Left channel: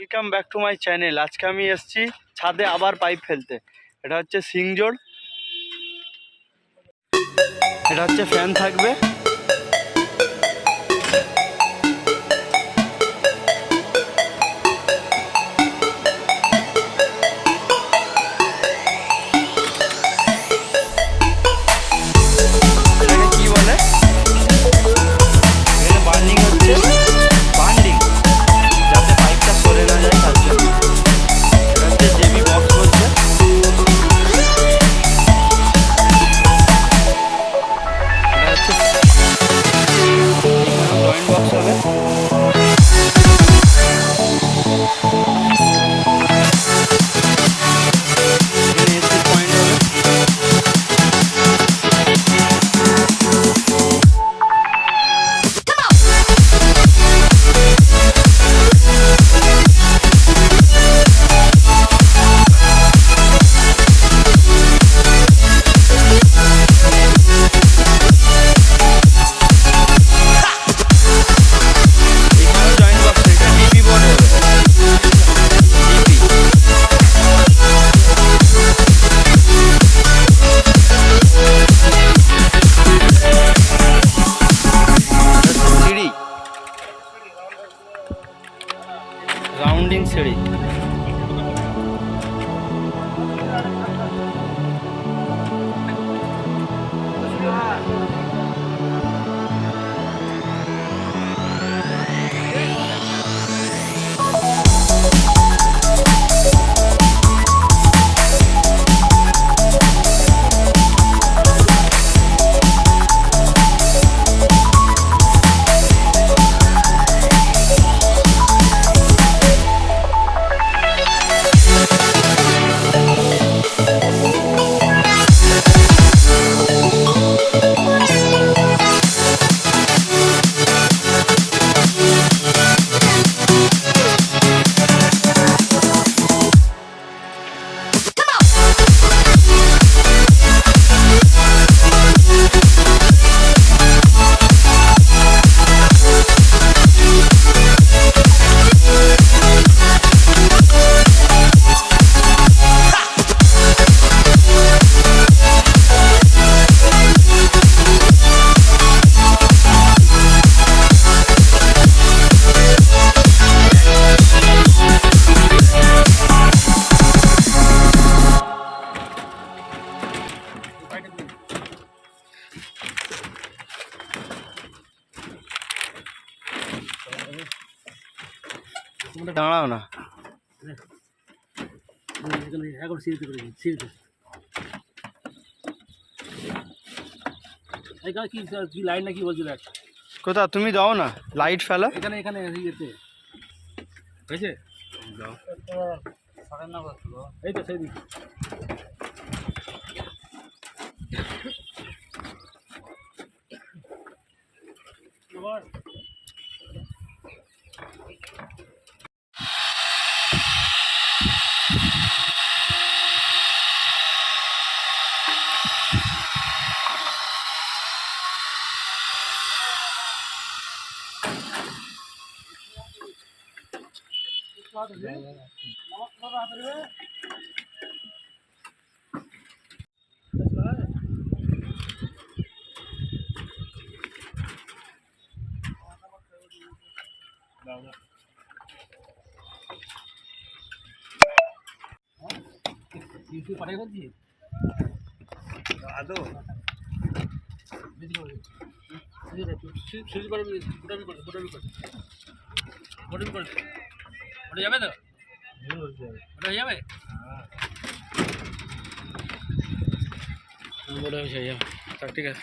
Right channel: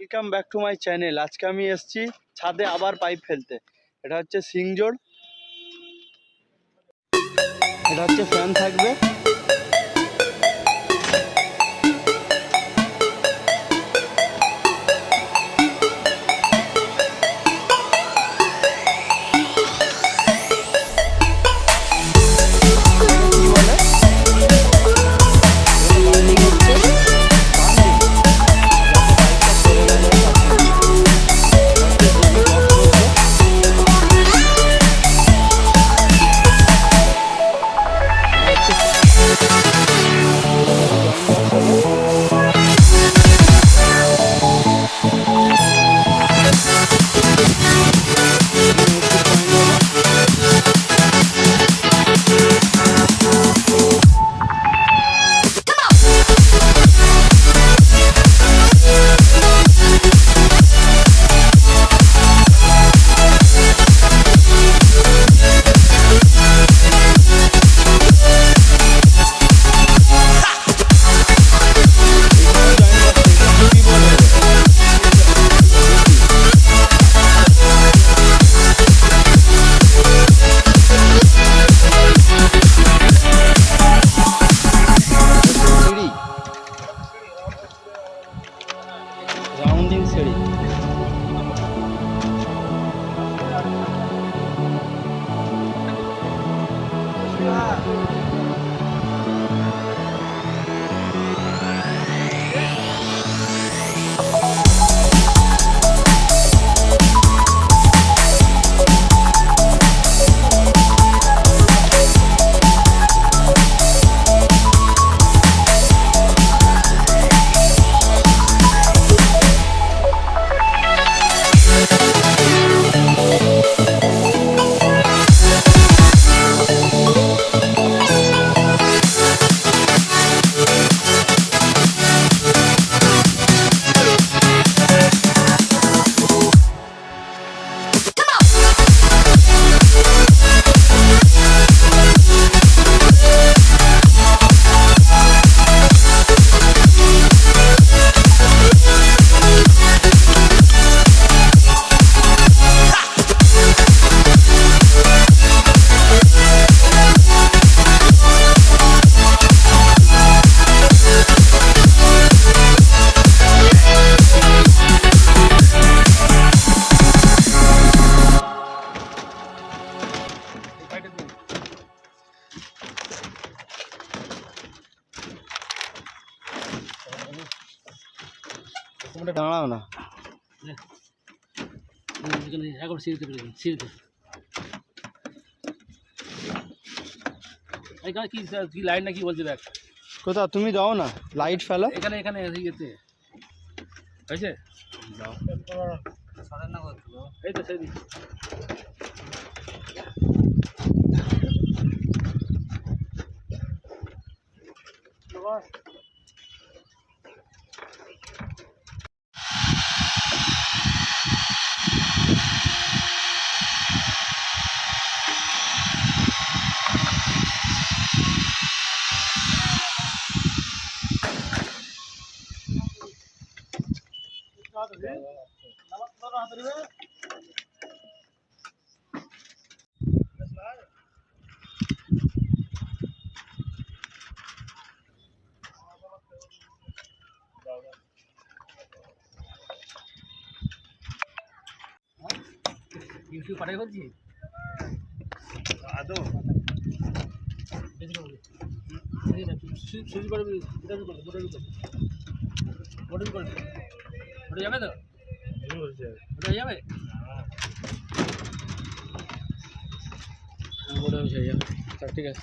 Welcome back to my channel. আজকে আমি এসেছি ছাদে আবার পাইপ ফেলতে। এটা হচ্ছে সিংজোড়, এটা হচ্ছে ফ্যান থাকবে। কি বলে এখানে বার্নিং হচ্ছে, বার্নিং যাতে পাইপটা সরে না যায় তার জন্য। এটা হচ্ছে জেবি বক্স করছে। এটা হচ্ছে জয়েন্ট বক্স হবে। পয়েন্ট হবে। রাউন্ডিং সিঁড়ি। দাঁড়াও না, লাইট না কি বলছে দেখ কোথা তুমি দাও না, লাইট ফেলো এখানে এখানে ইয়েতে হয়েছে। এই তো সেই ইউটিউব পাঠাই বলছি আদৌ ওটা যাবে তো, ওটা যাবে ঠিক আছে।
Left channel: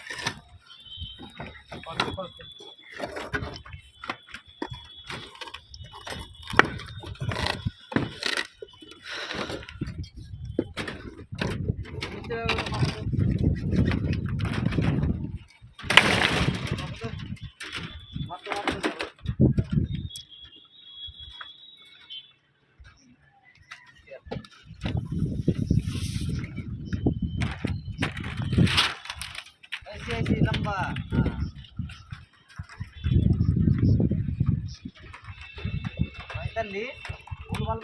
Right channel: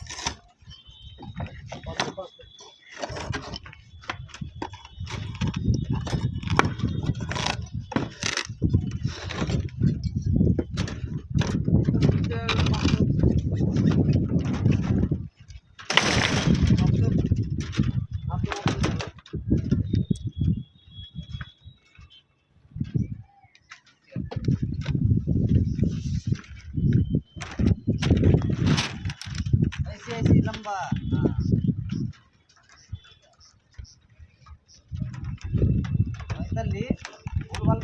ऐसे लंबा ফুটবল